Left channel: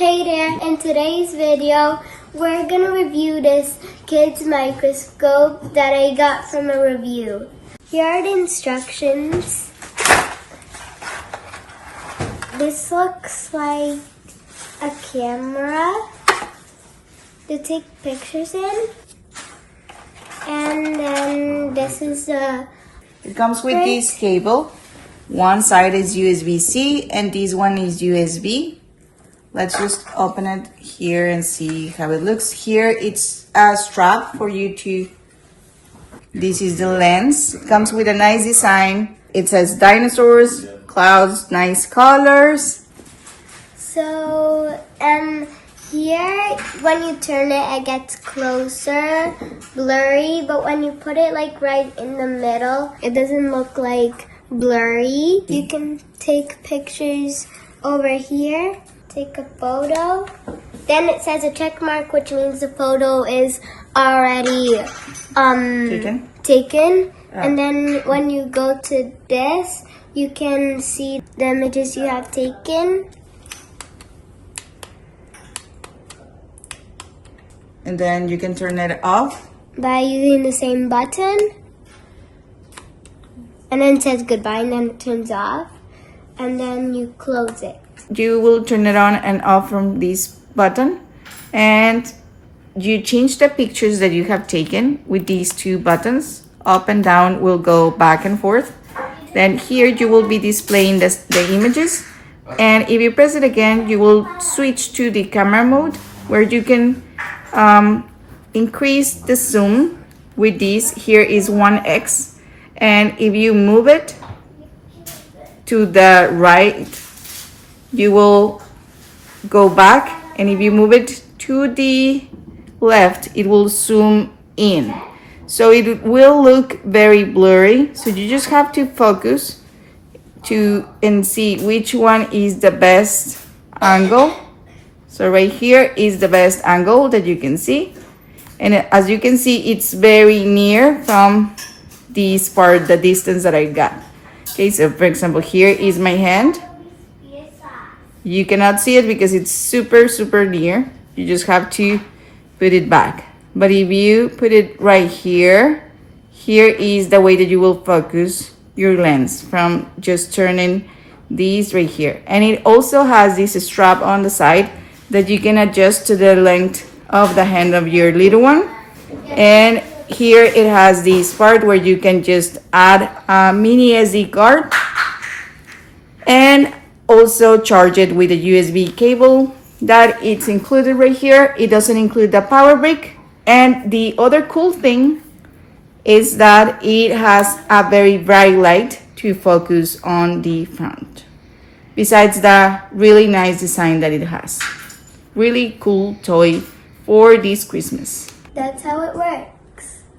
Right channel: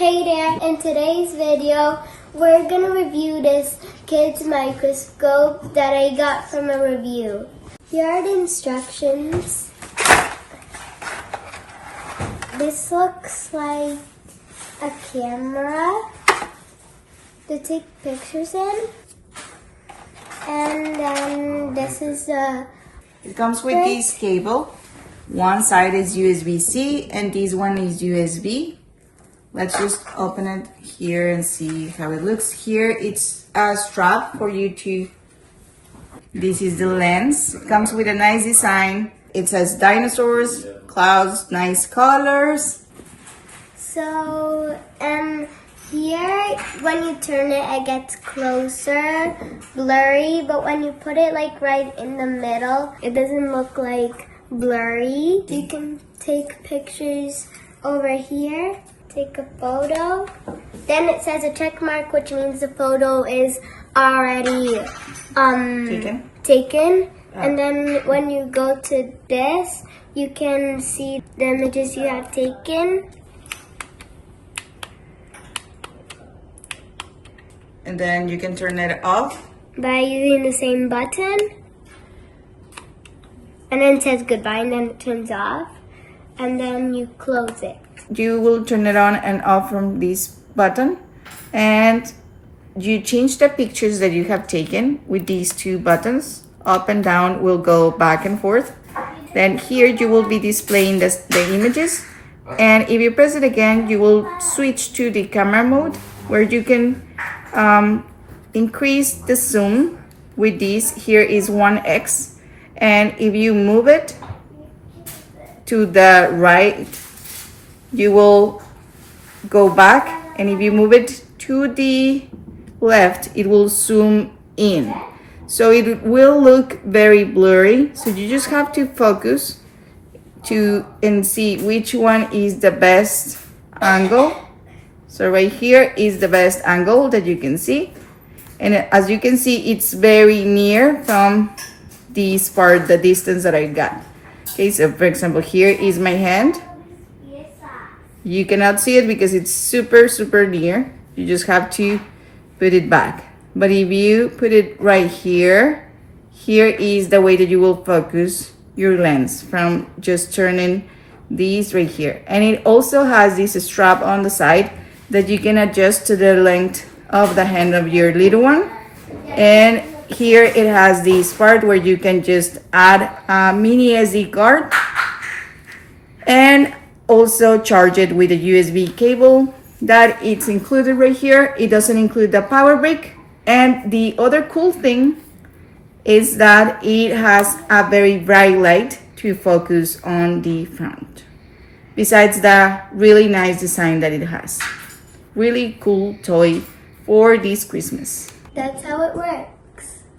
Hey there, in today's video, we're gonna review this kid's microscope that I got from a review. Here are the instructions. This looks like a camera to take pictures in. And then this is a... It comes with this cable. One side is USB-C and this one is USB. Let's just open it here and see how it looks. Here it's a strap for you to, this is the lens. It comes with a nice design. It says dinosaurs, clouds, nice colors. So, here, when you turn it gets closer, blurry, but when you put it like right in the middle, it doesn't look like blurry. You can take pictures over here. Take a photo. Then it says a check mark, which means the photo is already taken. And then when you go to this, you can see the images you have taken. And then you can turn it off By using the same button. And then it says goodbye and then it turns off. And then you close it. You will turn it on and off from this button, and you change the pictures that you have taken with these two buttons. Up and down will go back and forth. Then here you will be displaying the images, and if you press it again, you will switch to the camera mode where you can increase the zoom with this. Here is 1x, and if you move it to the right, you will go back, and if you move it to the left, it will zoom in. So it will look very blurry. So you just have to focus and see which one is the best angle. So right here is the best angle that you can see. And as you can see, it's very near from this part, the distance that I got. Okay, so for example, here is my hand. You cannot see it because it's super near. You just have to put it back. But if you put it right here, here is the way that you will focus your lens from just turning these right here. And it also has this strap on the side that you can adjust to the length of the hand of your little one. And here it has this part where you can just add a mini SD card and also charge it with a USB cable that it's included right here. It doesn't include the power brick. And the other cool thing is that it has a very bright light to focus on the front. Besides the really nice design that it has. Really cool toy for this Christmas. That's how it works.